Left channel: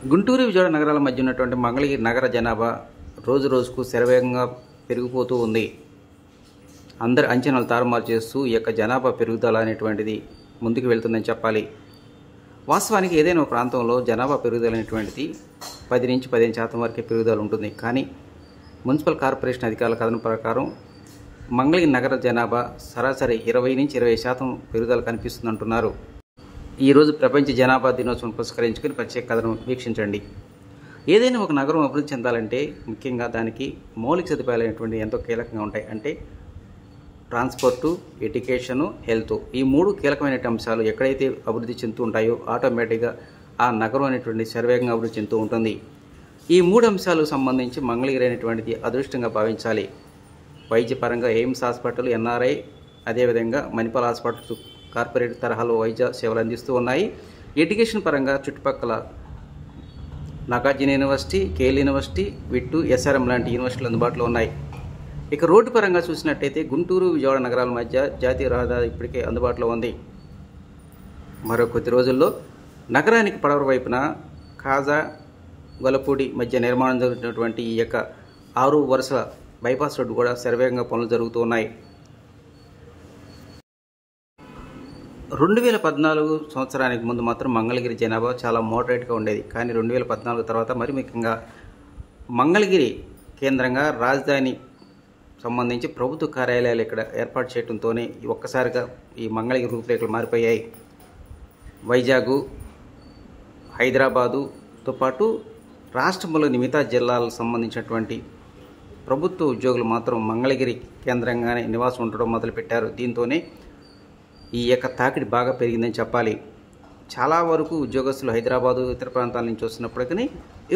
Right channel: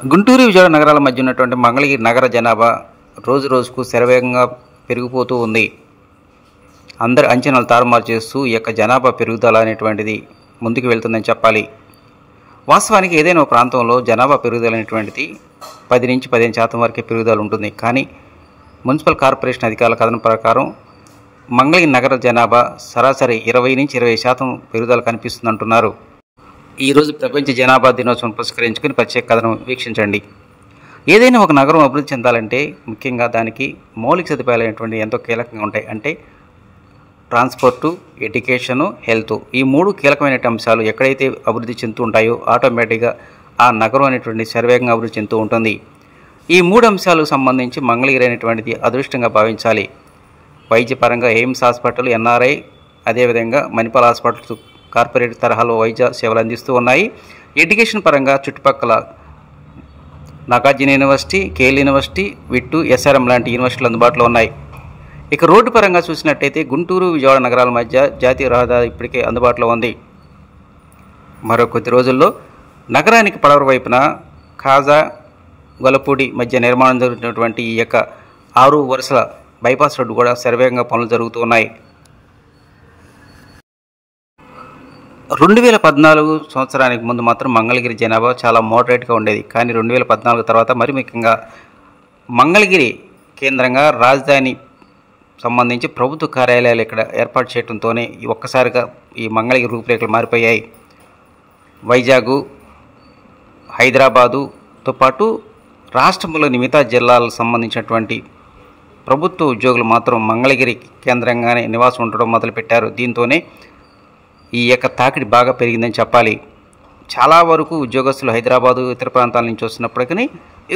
గుంటూరు, విజయవాడ నగరాల మధ్య ఉన్నటువంటి మంగళగిరి నగర జనాభా రోజు రోజుకు శరవేగంగా పెరిగిపోతూ ఉంది. అందరి అంచనాలు తారుమారు చేస్తూ ఈ యొక్క జనాభా పెరుగుదల అనేటువంటిది ముందుకు వెళ్తుందని చెప్పాలి. వాస్తవానికి ఏదైనా ఒక ప్రాంతంలో జనాభా పెరుగుదల అనేటువంటిది 10 నుంచి 15% వరకే పెరుగుదల ఉంటుంది. కానీ మున్సిపల్ కార్పొరేషన్ అధికారుల కథనం ప్రకారం మంగళగిరి నగర జనాభా సరాసరి 20 నుంచి 20% పెరుగుదల కనిపిస్తుందంటున్నారు. ఈరోజు ప్రపంచ జనాభా దినోత్సవం పురస్కరించుకుని ప్రత్యేక కథనం వీక్షించండి. ఏదైనా ఒక నగరం అభివృద్ధి చెందాలంటే ముఖ్యంగా దానికి మౌలిక సదుపాయాలు అనేటువంటి ఎంతో కీలకంగా ఉంటాయి. అంటే ట్రాన్స్పోర్టు, ఎడ్యుకేషను, హెల్త్, ఈ 3 కీలకమైన అంశాలు ఎక్కడైతే అభివృద్ధి చెందుతూ ఉంటాయో ఆటోమేటిక్గా ఆ నగరం అనేటువంటి శరవేగంగా అభివృద్ధి చెందుతూ ఉంటుంది. ఈ 3 అంశాలకు సంబంధించి మంగళగిరి అనేటువంటిది అదృష్టంగా భావించాలి. వైద్యపరంగా ఎయిమ్స్ హాస్పిటల్, ఎన్ఆర్ఐ, అదేవిధంగా మణిపాల్ హాస్పిటల్స్ కార్పొరేట్ తరహాలో వైద్య సేవలు అందిస్తూ ఉన్నాయి. ఎడ్యుకేషన్ పరంగా చుట్టుపక్కల నాగార్జున యూనివర్సిటీ, కేఎల్ యూనివర్సిటీ, విట్టు, ఎస్ఆర్ఎం లాంటి యూనివర్సిటీలు అందుబాటులో ఉన్నాయి. ఇక రోడ్డు పరంగా చూసినట్టయితే గుంటూరు, విజయవాడ నగరాల మధ్య జాతీయ రహదారి ఇప్పటికే అందుబాటులో ఉంది. మరో కొద్ది రోజుల్లో నగరానికి పడమర వైపున ఖాజా, గొల్లపూడి మధ్య నిర్మాణం జరుగుతున్నటువంటి ఈ యొక్క 6 వరుసల బైపాస్ రోడ్డు కూడా శరవేగంగా పనులు జరుగుతూ ఉన్నాయి. 2014 సంవత్సరానికి ముందు మాత్రం మంగళగిరి జనాభా చాలా మోడరేట్గా ఉండేది. కానీ 2014 తర్వాత మరి ముఖ్యంగా మంగళగిరి కేంద్రంగా రాజధాని సంబంధించి ప్రభుత్వ కార్యాలయాలు ఇక్కడ ఏర్పాటు చేయడంతోనే ఒక్కసారిగా ఈ మంగళగిరి రూపురేఖలు మారిపోయాయి. వైజాగ్, హైదరాబాదుతో పాటు రాష్ట్రంలోని మిగతా జిల్లాలకు సంబంధించినటువంటి ప్రభుత్వ ఉద్యోగులు మాత్రం మంగళగిరి కేంద్రంగానే నివాసం ఉండడం మొదలుపెట్టారు. దీంతోనే ఈ యొక్క తాకిడి బాగా పెరిగిందని చెప్పాలి. చాలా వరకు ఉద్యోగస్తులు హైదరాబాదు, ఇతర ప్రాంతాల నుంచి వస్తున్నప్పటికీ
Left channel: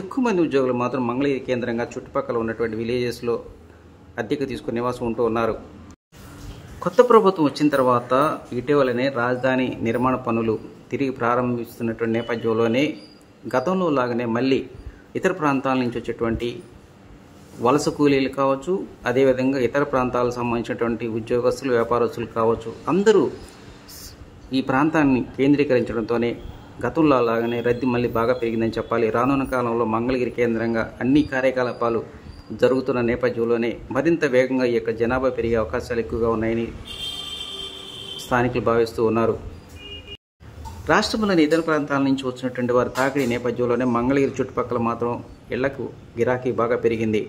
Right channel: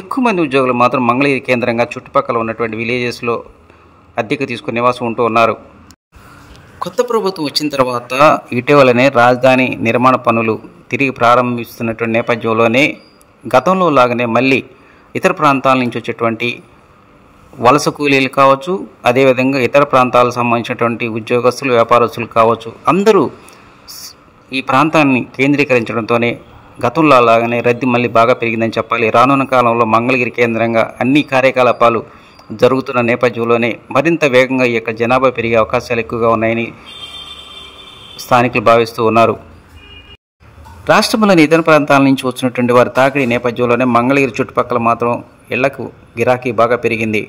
ఎక్కువ మంది ఉద్యోగులు మాత్రం మంగళగిరి కేంద్రంగా చుట్టుపక్కల ఉన్నటువంటి విలేజెస్లో అద్దెకు తీసుకుని నివాసం ఉంటూ ఉన్నారు. కొత్త ప్రభుత్వం వచ్చిన తర్వాత ఇటీవలనే రాజధాని నిర్మాణ పనులు తిరిగి ప్రారంభిస్తున్నటువంటి నేపథ్యంలోనే గతంలో లాగానే మళ్ళీ ఇతర ప్రాంతాల నుంచి వచ్చేటువంటి వలస కూలీలు కావచ్చు, అదేవిధంగా ఇతర ప్రాంతాలకు సంబంధించినటువంటి ఉద్యోగస్తులు, వ్యాపారస్తులు కావచ్చు, అందరూ ఈ ప్రాంతాన్ని కేంద్రీకరించడంతోనే గతంలో లాగానే రద్దీ మళ్ళీ బాగా పెరిగిందని చెప్పాలి. రానున్న కాలంలో మంగళగిరి కేంద్రంగా అన్ని కార్యకలాపాలు జరుగుతున్న నేపథ్యంలోనే మరింత వేగంగా ఈ యొక్క జనాభా పెరిగే అవకాశాలు ఎక్కువగా ఉన్నాయని స్థానికులు భావిస్తూ ఉన్నారు. రాష్ట్రంలోని ఇతర ప్రాంతాల నుంచి వచ్చినటువంటి వారి తాకిడి నేపథ్యంలోనే మంగళగిరి చుట్టుపక్కల మాత్రం ఇళ్లకు గిరాకీ బాగా పెరిగింది.